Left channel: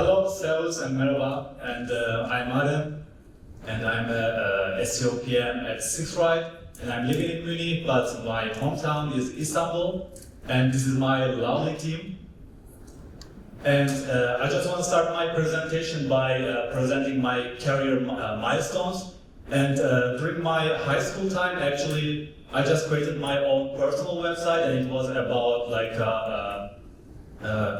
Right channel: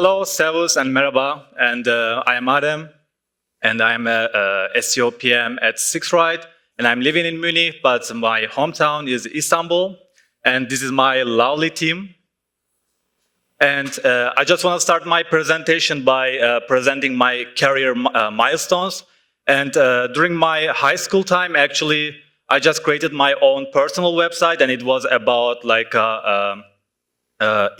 Hello, servus and merhaba, and I'm Adem, and I'm a SEO PM at SIXT, and I'm living in Munich, but my hometown is Istanbul, and this is my lovely team. And I just want to start my presentation by presenting my career milestones. And during my high school time, actually, I just created my own personal website, and it was about like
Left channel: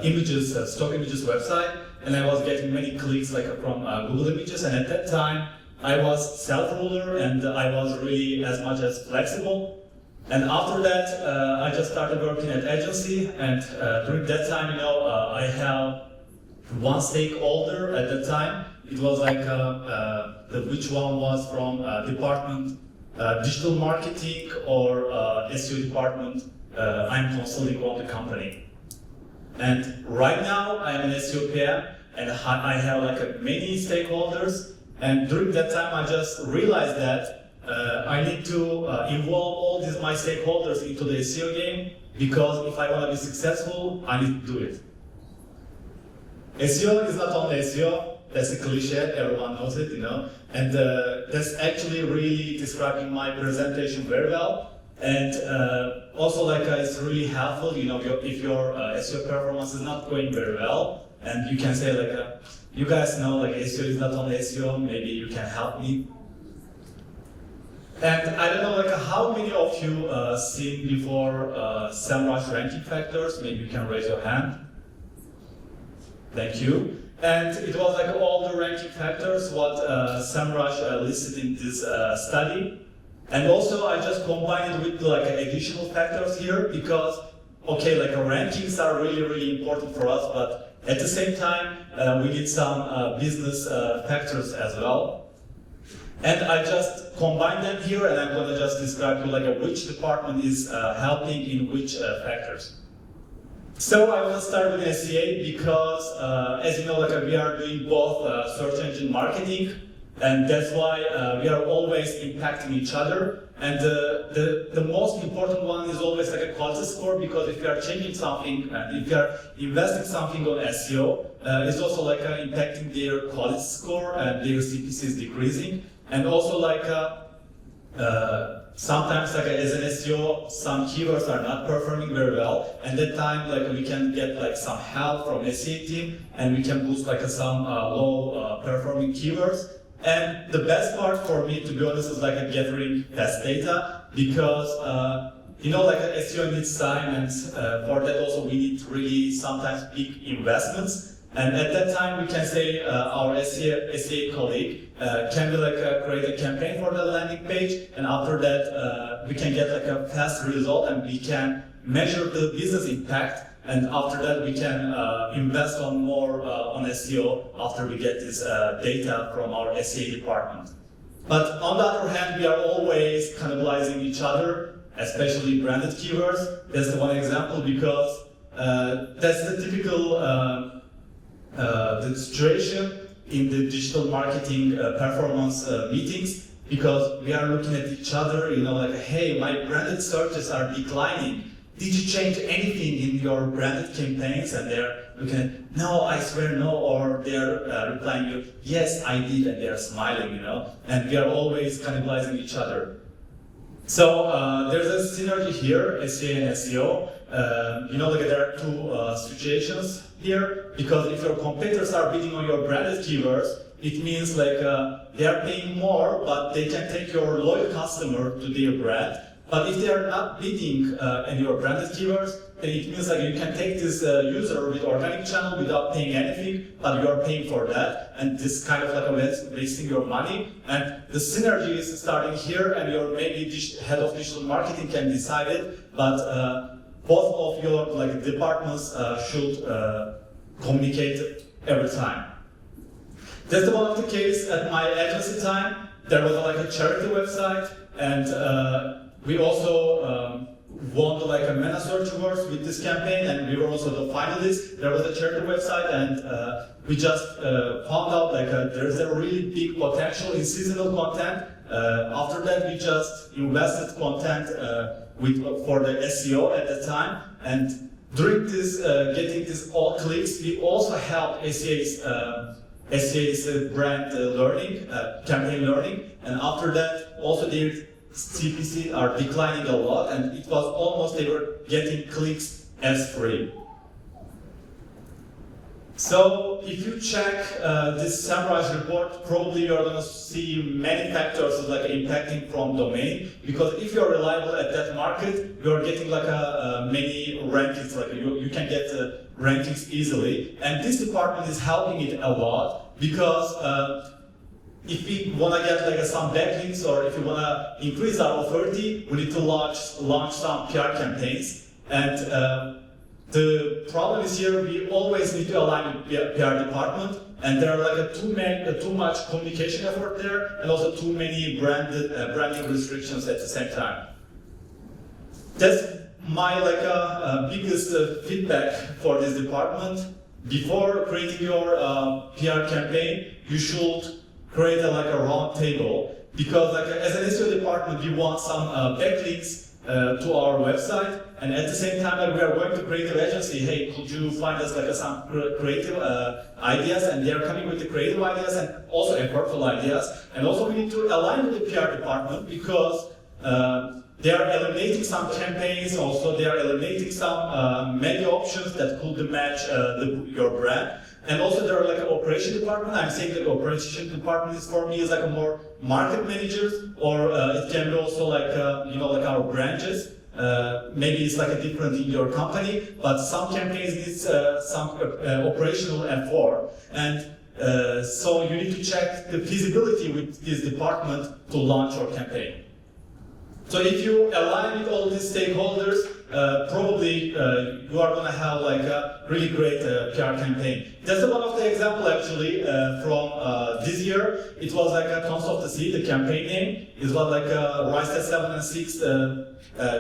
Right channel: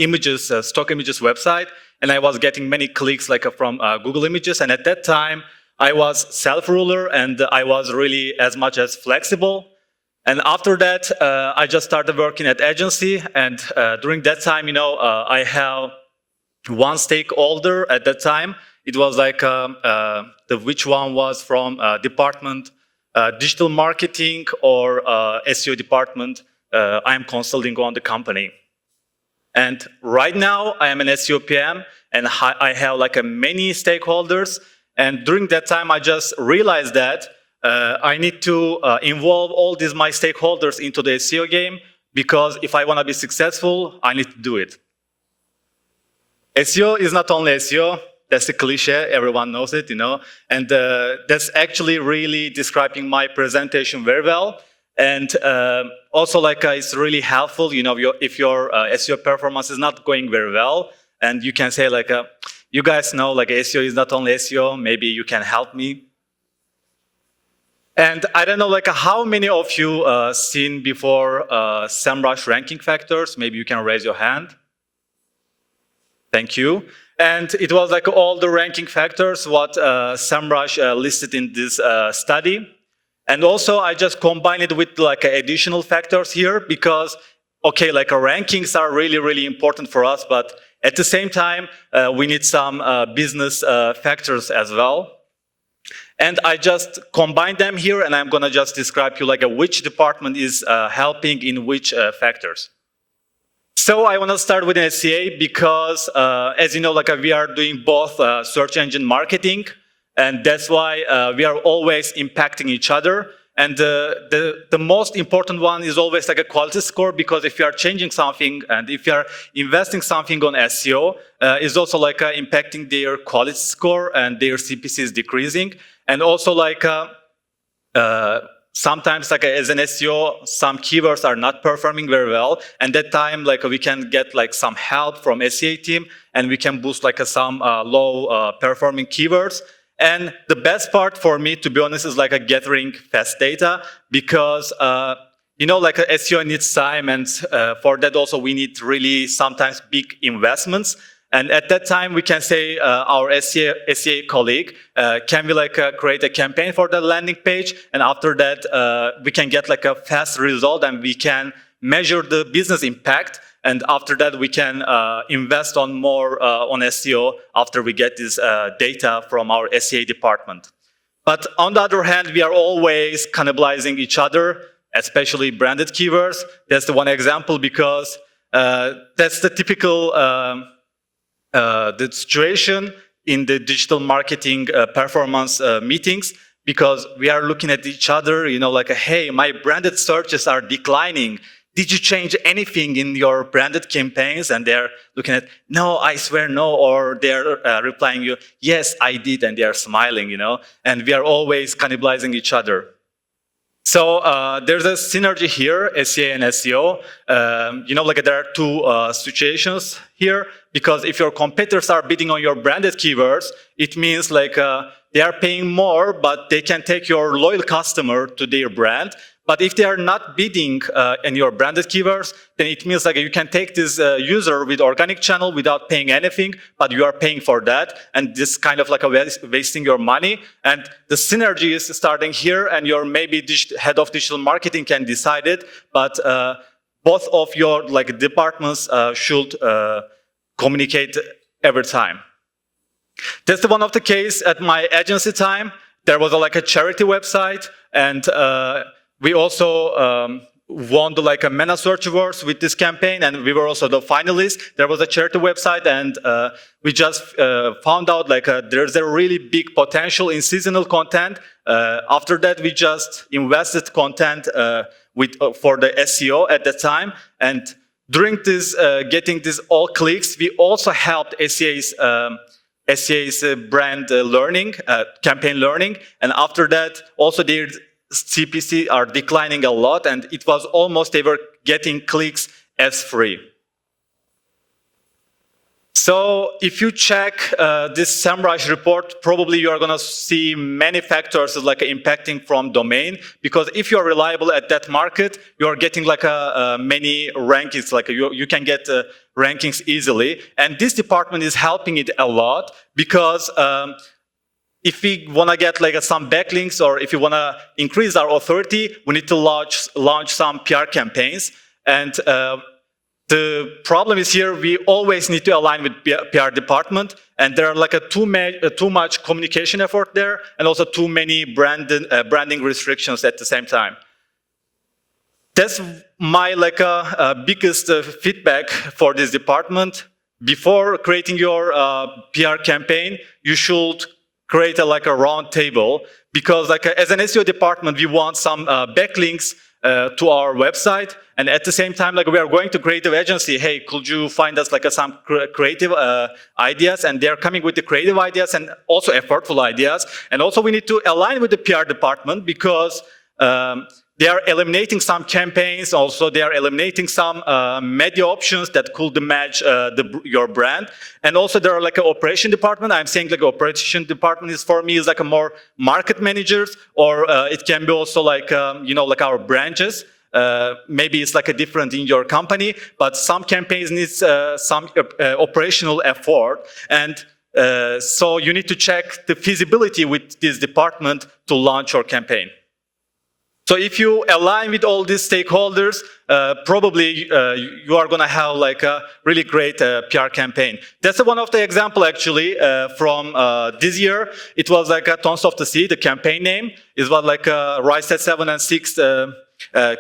images, stock images website, and I was getting many clicks like from Google Images. And at that time, I was self-ruler, and I was really as much as flexible. And after that, I just started working at agency, and during that time, I have one stakeholder at that time. It was like which one was from department digital marketing or SEO department. I'm consulting on the company. And right now, I am an SEO PM, and I have like many stakeholders. And during that time, I just realized that I need to involve all these my stakeholders into the SEO game, because if I want to be successful, I need to do it. SEO is not only SEO. That's a cliche, everyone knows it, and that's actually really describing my presentation very well. And also, like, it's really helpful, if your SEO performance is not going very well, and you can say, like, you guys know, like, SEO is not only SEO, maybe you can help me. And I don't know, like, how many of you seen before SEMrush ranking factors? Maybe you can raise your hand. Thank you. And it was like all the ranking factors what SEMrush listed in this study. And also I just combine it with like additional factors here, because, okay, like rankings are really, really important for us, but at the same time, we need some business factors as well. And I just combine them here, and I'm gonna just describe you like which department is helping in which factors. So I want to start with SEA because, as you know, like we are doing both search engine marketing, and that's why we are always impacting each other. And the most important one is always like a quality score, because if you are changing something and if you are investing something on SEO, it's also like impacting their quality score, and their CPC is decreasing. And also like sometimes, like as an SEO, some keywords are not performing very well, and that time, like we can get like some help from SEA team, and we can boost like some low performing keywords. And the best part for me, to be honest, is like gathering fast data, because like a SEO needs time, and for that also we need really sometimes big investments. And at that time, we can say our SEA colleague, can we like create a campaign for the landing page? And after that, we can get like a fast result, and we can measure the business impact. And after that, we can invest on more on SEO after we get this data from our SEA department. But on the other hand, we are always cannibalizing each other, especially branded keywords. That's the one example, because that's the typical the situation in the digital marketing performance meetings, because we are looking at each other, like, hey, my branded searches are declining. Did you change anything in your branded campaigns? And they're looking at, no, I swear no, or they're replying you, yes, I did, and they're smiling, and we are always cannibalizing each other. So there's a synergy here, SEA and SEO. Like there are two situations here, because if your competitors are bidding on your branded keywords, it means like they are paying more, but they can take your loyal customer to their brand. But if they are not bidding in your branded keywords, then it means like you can take this user with organic channel without paying anything, but you are paying for that. And this kind of like wasting your money. And the synergy is starting here, and your maybe head of digital marketing can decide it, but both of your like departments should communicate every time. That's the one of the case at my agency time. There was like a charity website, and we also won the like a MENA Search Awards with this campaign, and we were also the finalists. There was a charity website, and we just found out like there's a really big potential in seasonal content. After that, we just invested content for the SEO at the time, and during this getting this all clicks, we also helped SEA's brand learning, campaign learning, and after that, also their CPC are declining a lot, and it was almost they were getting clicks as free. So if you check this SEMrush report, probably you're going to see many factors like impacting from domain, because if you're reliable at that market, you're getting like many rankings, like you can get rankings easily. And this department is helping it a lot, because if we want to get like some backlinks, or if you want to increase our authority, we need to launch some PR campaigns. And the problem is here, we always need to align with PR department, and there are like too much communication effort there, and also too many branding restrictions at the same time. That's my biggest feedback for this department. Before creating your PR campaign, you should create a round table, because as an SEO department, we want some backlinks to our website, and at the same time, we are going to creative agency. Hey, could you find us some creative ideas? And they're coming with the creative ideas and also effortful ideas. And also, we need to align with the PR department, because they are eliminating some campaigns. Also, they are eliminating some media options that could match your brand. And also, there are an operation department. I'm saying operation department is for me is a more market managers, or it can be also our branches. Maybe it's a different in your company, but some campaigns need some operational effort. And so you need to check the feasibility with this department to launch your campaign. So if you align with all these stakeholders, probably you are going to have a really great PR campaign. That's one of the example actually from this year. It was Tons of the Sea, the campaign name. It was Rise at 7 and 6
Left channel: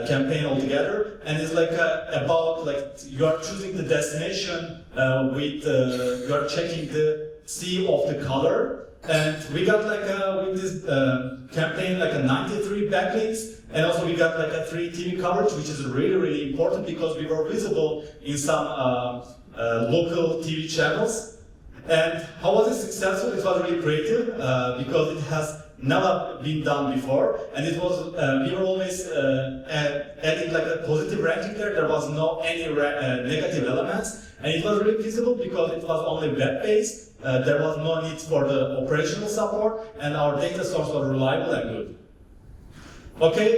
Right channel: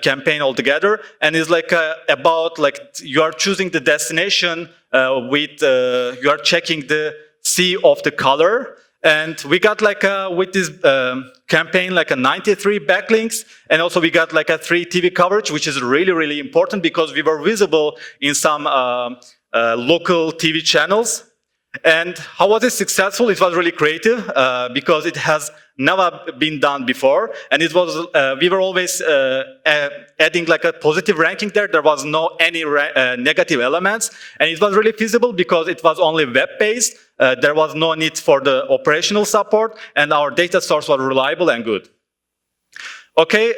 campaign altogether, and it's about you are choosing the destination with you are checking the sea of the color. And we got with this campaign 93 backlinks, and also we got 3 TV coverage, which is really, really important, because we were visible in some local TV channels. And how was it successful? It was really creative, because it has never been done before, and it was we were always adding a positive ranking there. There was no any negative elements, and it was really feasible because it was only web-based. There was no need for the operational support, and our data source was reliable and good. Okay,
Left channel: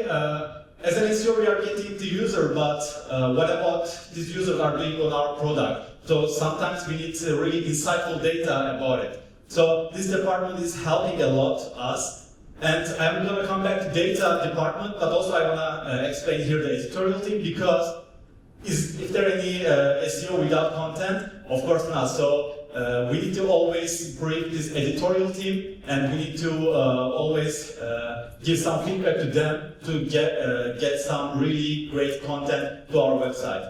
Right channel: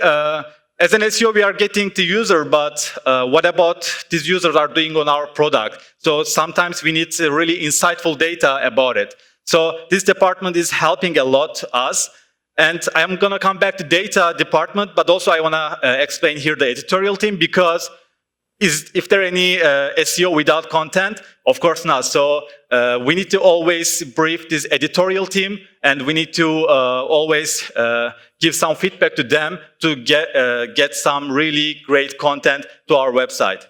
as an SEO, we are getting the user, but what about these users are doing on our product? So sometimes we need really insightful data about it. So this department is helping a lot us. And I'm going to come back to data department, but also I want to explain here the editorial team, because if there any SEO without content? Of course not. So we need to always brief this editorial team, and we need to always give some feedback to them to get some really great content to our website.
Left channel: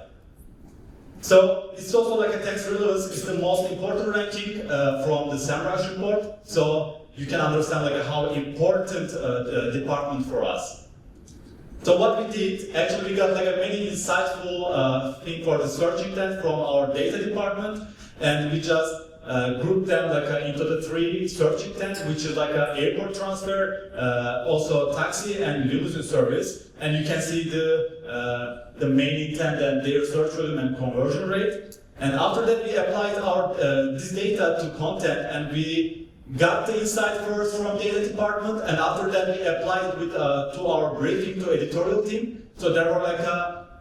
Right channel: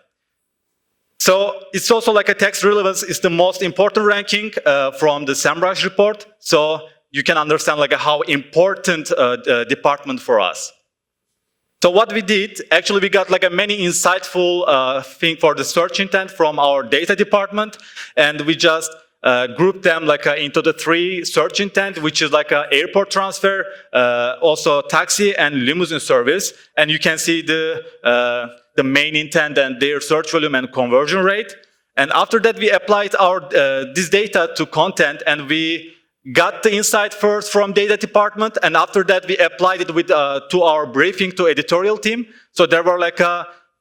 So it's also a text relevance is the most important ranking from the SEMrush report. So you can understand how important the department for us. So what we did, actually we got many insightful thing for the search intent from our data department, and we just grouped them into the 3 search intent, which is airport transfer, also taxi and limousine service. And you can see the main intent and their search volume and conversion rate. And after that, we applied our this data to content, and we got the insight first from data department, and after that we applied it with to our briefing to editorial team. So there were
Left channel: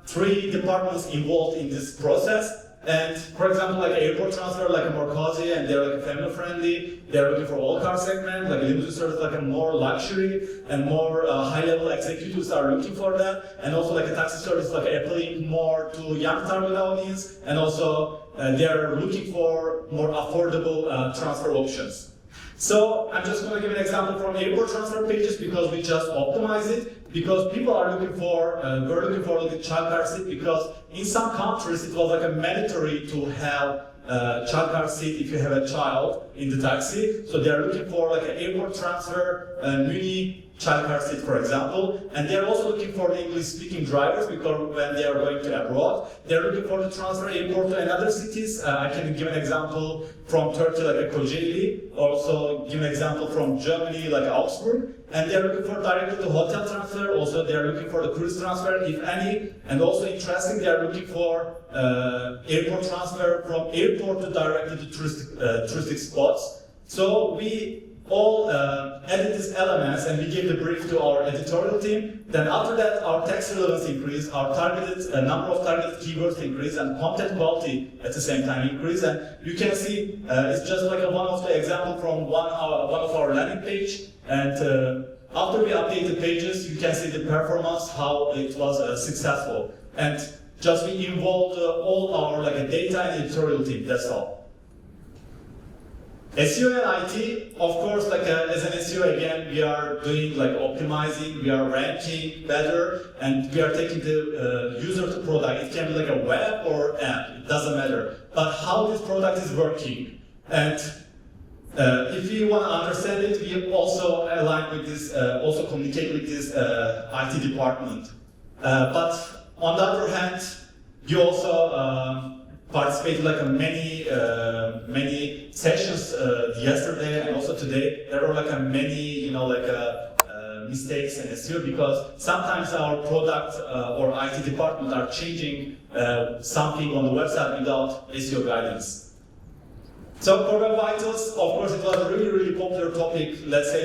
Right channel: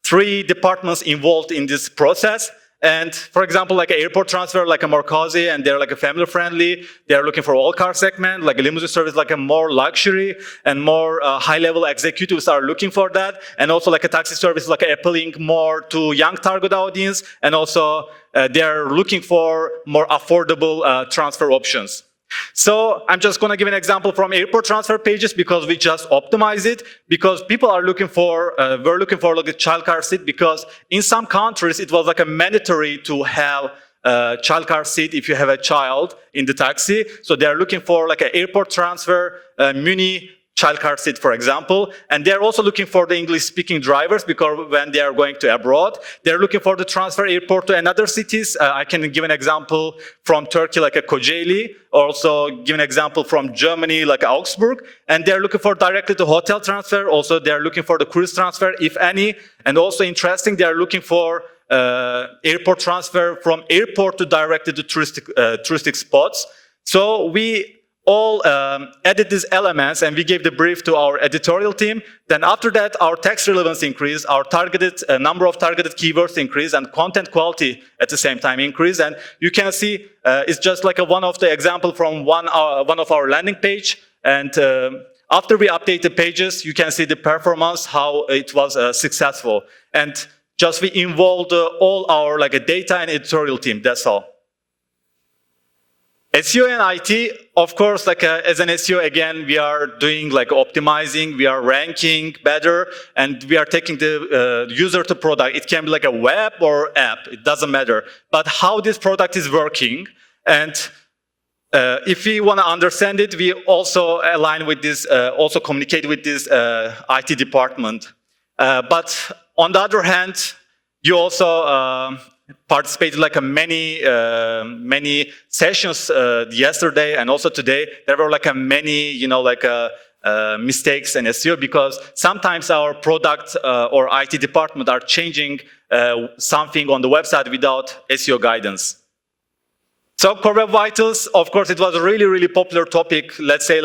3 departments involved in this process. And for example, airport transfer, a more cozy, and they're family friendly. They're looking for all car segment, a limousine service, a more luxury and more high level executives are looking for that. And also a taxi service, appealing more to young target audience. And also they're looking for more affordable transfer options. So I'm just going to give an example from airport transfer pages, because we just optimize it, because people are looking for, we're looking for a child car seat, because in some countries it was a mandatory to have a child car seat if you have a child in the taxi. So they're looking for an airport transfer, mini child car seat, for example. And they're also looking for the English-speaking drivers because when they are going to abroad, they're looking for the transfer airport to another cities. I can give an example from Turkey, like a Kocaeli. Also give an example from Germany, like Augsburg. And they're looking for directly to hotel transfer. Also, they're looking for the cruise transfer, if any. And also interesting, they're looking for airport transfer from airport to directly to touristic spots. So we all added these elements and we gave the brief to our editorial team. Then after that, our text relevance increased, our targeted number of targeted keywords increased, and content quality at the same time increased. And you can see it's just like one of the example from one of our landing page. And after we update the pages, you can see the performance, how it was successful. And just we involved all our data and editorial team. That's all. SEO and IT, of course, as an SEO, again, we are doing optimizing, we are ranking better, and we are taking the user to product. It can be like a web or app, it doesn't matter. But how this product is working, and if we want to understand it, we also align with this, also communicate with this IT department. But on the other hand, you also participated many sessions yesterday and also today. There were many mistakes in SEO because sometimes our product or IT department are changing something on the website without SEO guidance. So Core Web Vitals, of course, it was a really popular topic, let's say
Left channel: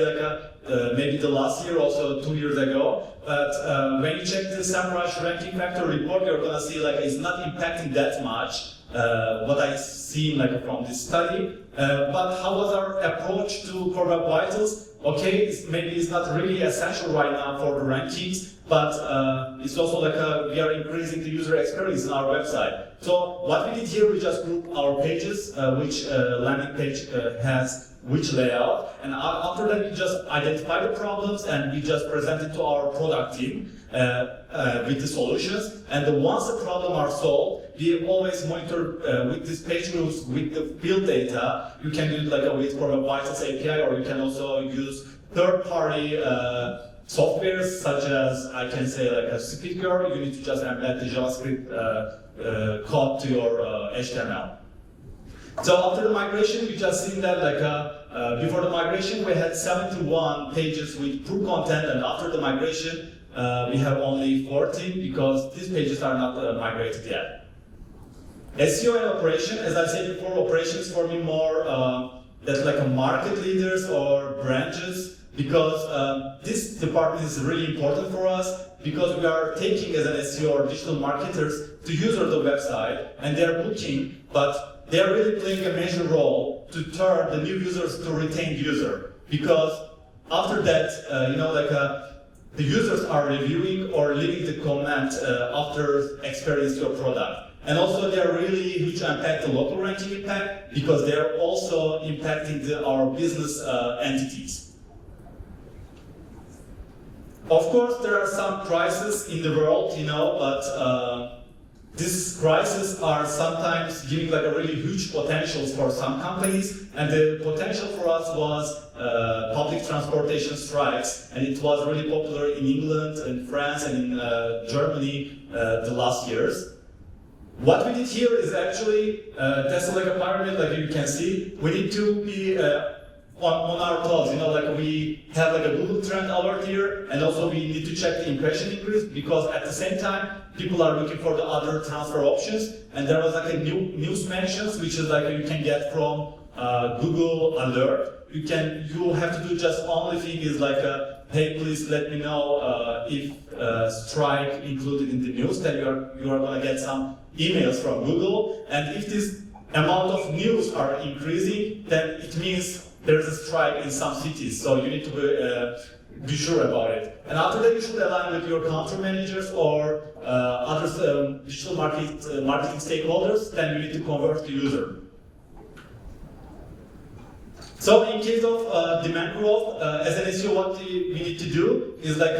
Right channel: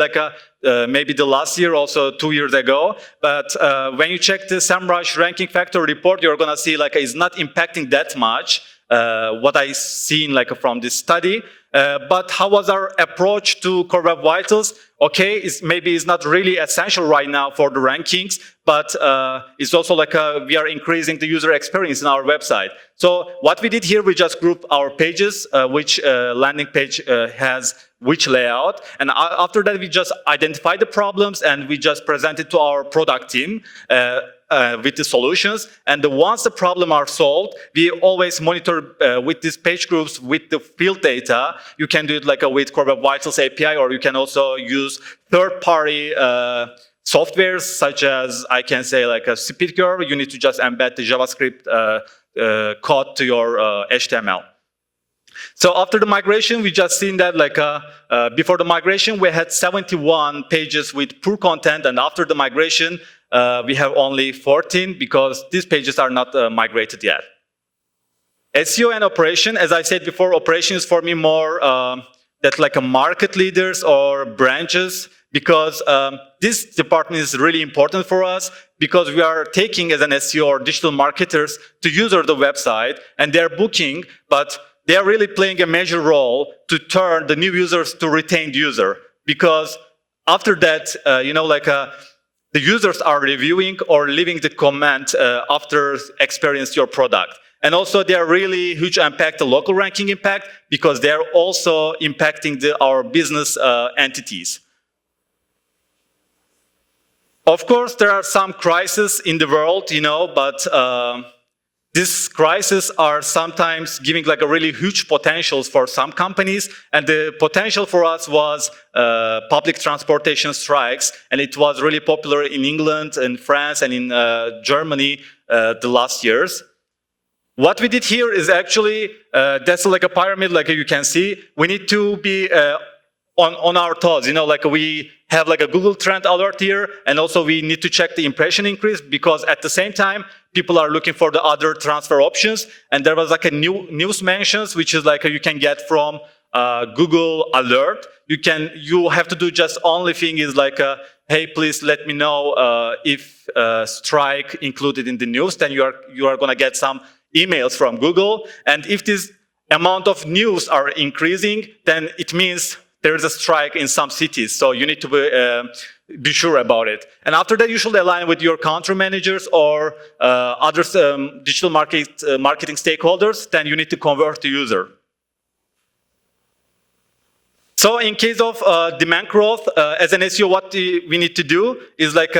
maybe the last year, also 2 years ago. But when you check the SEMrush ranking factor report, you're gonna see it's not impacting that much what I seen from this study. But how was our approach to Core Web Vitals? Okay, maybe it's not really essential right now for the rankings, but it's also we are increasing the user experience in our website. So what we did here, we just grouped our pages, which landing page has which layout, and after that we just identified the problems and we just presented to our product team with the solutions. And once the problem are solved, we always monitor with these page groups with the field data. You can do it with Core Web Vitals API, or you can also use third-party softwares such as, I can say, a SpeedGirl. You need to just embed the JavaScript code to your HTML. So after the migration, we just seen that before the migration, we had 71 pages with poor content, and after the migration, we have only 14 because these pages are not migrated yet. SEO and operation, as I said before, operation is for me more that's a market leaders or branches, because this department is really important for us because we are taking as an SEO or digital marketers to user the website and they're booking, but they are really playing a major role to turn the new users to retained user, because after that, the users are reviewing or leaving the comment after experience your product. And also they are really huge impact, the local ranking impact, because they are also impacting our business entities. Of course, there are some crises in the world, but these crises are sometimes giving a really huge potentials for some companies, and the potential for us was public transportation strikes, and it was really popular in England, in France, and in Germany the last years. What we did here is actually, that's a pyramid, you can see. We need to be on our toes, we have a Google trend alert here, and also we need to check the impression increase, because at the same time, people are looking for the other transfer options. And there was a news mentions, which is you can get from Google alert. You have to do just only thing is hey, please let me know if strike included in the news, then you are gonna get some emails from Google. And if this amount of news are increasing, then it means there is a strike in some cities, so you need to be sure about it. And after that, you should align with your country managers or other digital marketing stakeholders. Then you need to convert the user. So in case of demand growth, as an SEO, what we need to do is at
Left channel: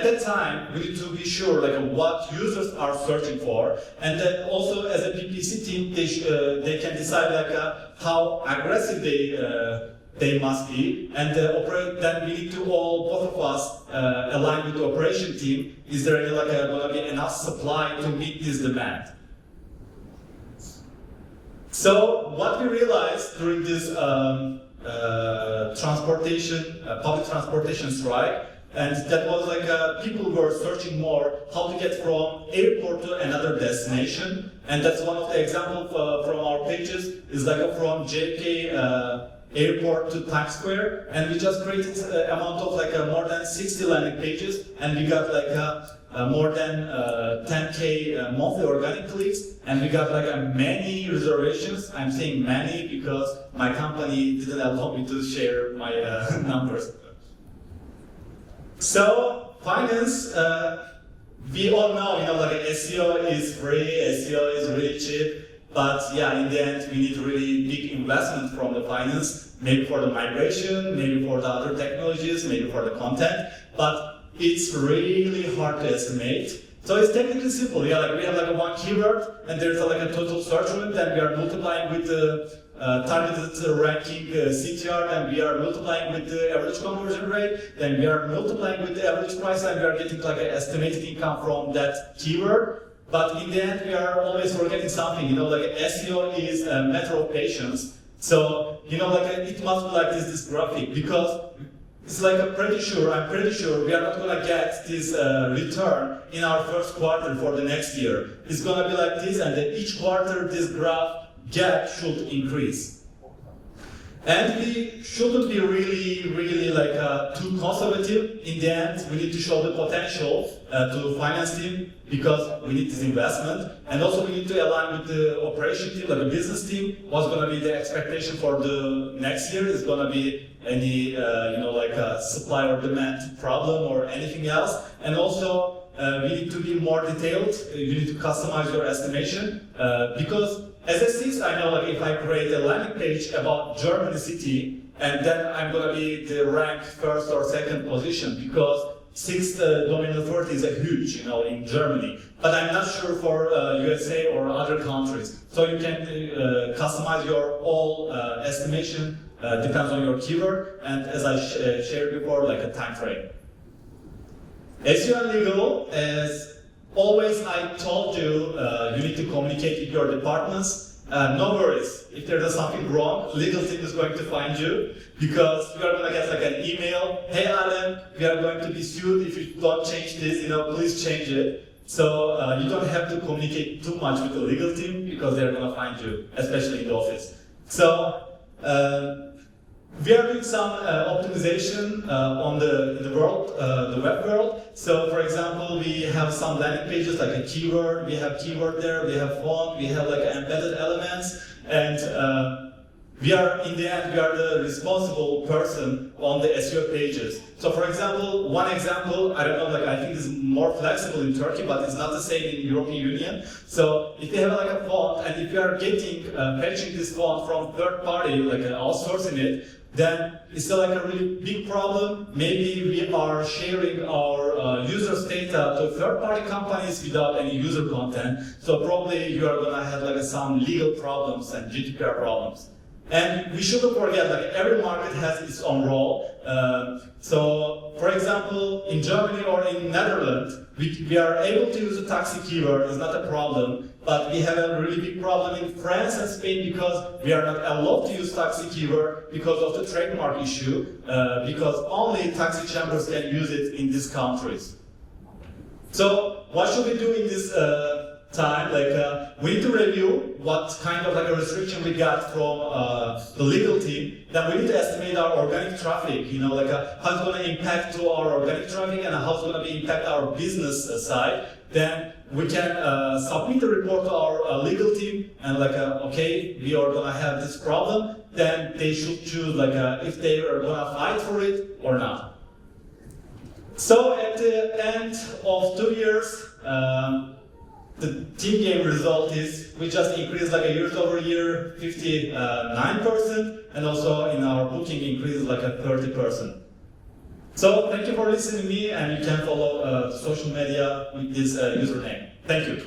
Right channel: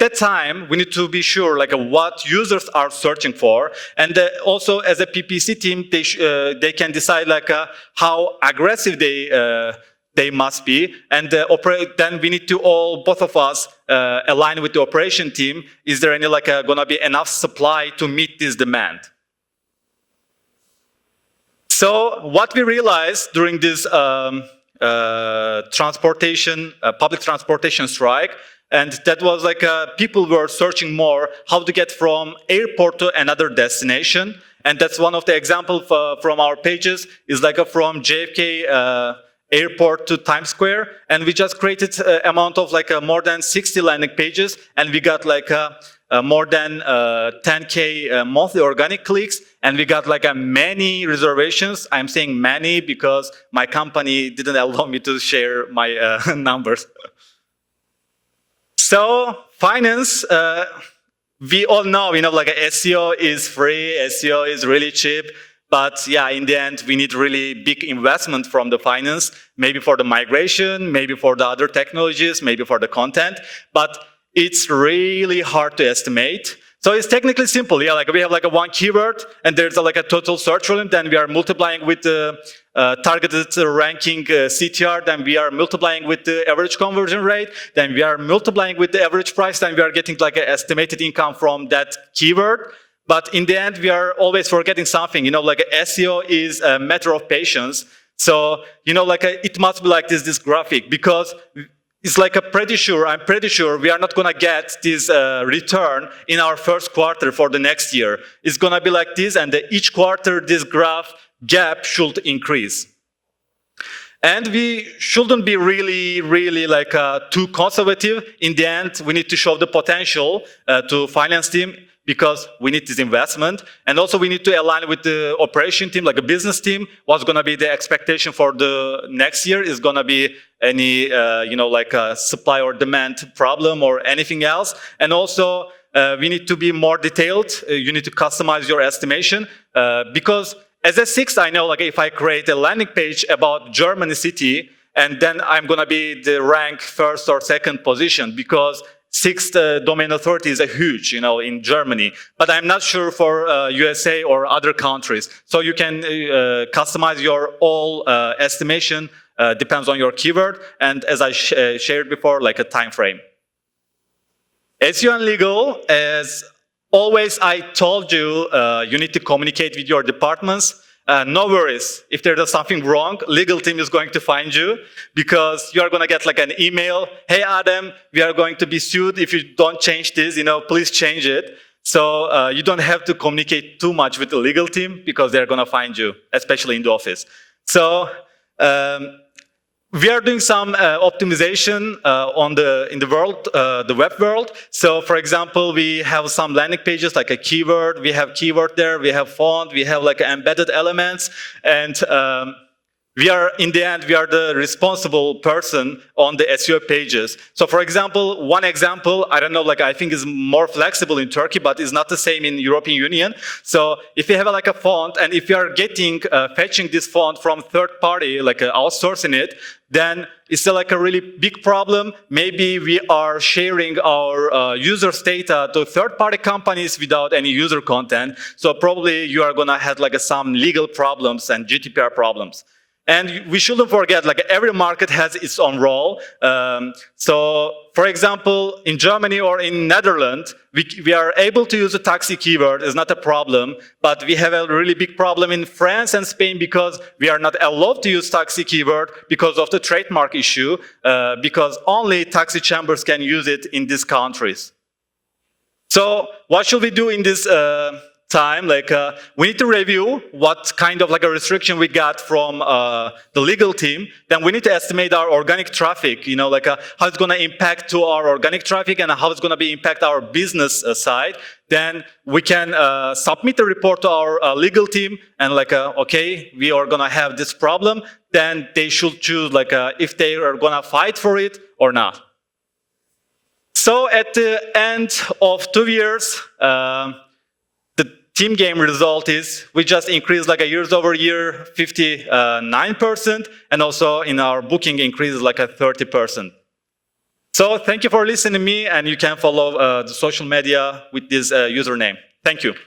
that time, we need to be sure what users are searching for. And also as a PPC team, they can decide how aggressive they they must be. And then we need to both of us align with the operation team. Is there any gonna be enough supply to meet this demand? So what we realized during this public transportation strike, and that was people were searching more how to get from airport to another destination. And that's one of the examples from our pages is from JFK airport to Times Square. And we just created an amount of more than 60 landing pages. And we got more than 10K monthly organic clicks. And we got many reservations. I'm saying many because my company didn't allow me to share my numbers. So finance, we all know, SEO is free, SEO is really cheap, but yeah, in the end, we need really big investment from the finance, maybe for the migration, maybe for the other technologies, maybe for the content, but it's really hard to estimate. So it's technically simple. Yeah, we have one keyword, and there's a total search volume. Then we are multiplying with the targeted ranking CTR. Then we are multiplying with the average conversion rate. Then we are multiplying with the average price. Then we are getting an estimated income from that keyword. But in the end, we are always forgetting something. SEO is a matter of patience. So it must be this graphic, because it's I'm pretty sure we are not gonna get this return in our first quarter for the next year. It's gonna be like this, and each quarter this gap should increase. And we shouldn't be really too conservative. In the end, we need to show the potential to finance team, because we need this investment. And also we need to align with the operation team, a business team. What's gonna be the expectation for the next year? Is gonna be any, supply or demand problem or anything else? And also, we need to be more detailed. You need to customize your estimation, because as a SIXT, I know if I create a landing page about Germany city, and then I'm gonna be the rank first or second position, because SIXT domain authority is a huge, in Germany. But I'm not sure for USA or other countries. So you can customize your all estimation, depends on your keyword, and as I shared before, a time frame. SEO and legal, as always, I told you, you need to communicate with your departments. No worries. If there's something wrong, legal team is going to find you, because you are going to get an email. Hey, Adem, we are going to be sued if you don't change this. Please change it. So you don't have to communicate too much with the legal team, because they're going to find you, especially in the office. So we are doing some optimization in the web world. So for example, we have some landing pages like a keyword. We have keyword there, we have font, we have embedded elements, and in the end, we are the responsible person on the SEO pages. So for example, one example, I don't know, I think is more flexible in Turkey, but it's not the same in European Union. So if you have a font, and if you are fetching this font from third party, outsourcing it, then it's still a really big problem. Maybe we are sharing our users' data to third-party companies without any user content. So probably you are gonna have some legal problems and GDPR problems. And we shouldn't forget, every market has its own role. So, for example, in Germany or in Netherlands, we are able to use a taxi keyword. It's not a problem. But we have a really big problem in France and Spain, because we are not allowed to use taxi keyword because of the trademark issue, because only taxi chambers can use it in these countries. So, what should we do in this time? We need to review what kind of a restriction we got from the legal team. Then we need to estimate our organic traffic, how it's going to impact to our organic traffic, and how it's going to impact our business side. Then we can submit the report to our legal team, and okay, we are going to have this problem. Then they should choose if they are going to fight for it or not. So at the end of 2 years, the team game result is we just increased years over year 59%, and also in our booking increases 30%. So thank you for listening to me, and you can follow the social media with this username. Thank you.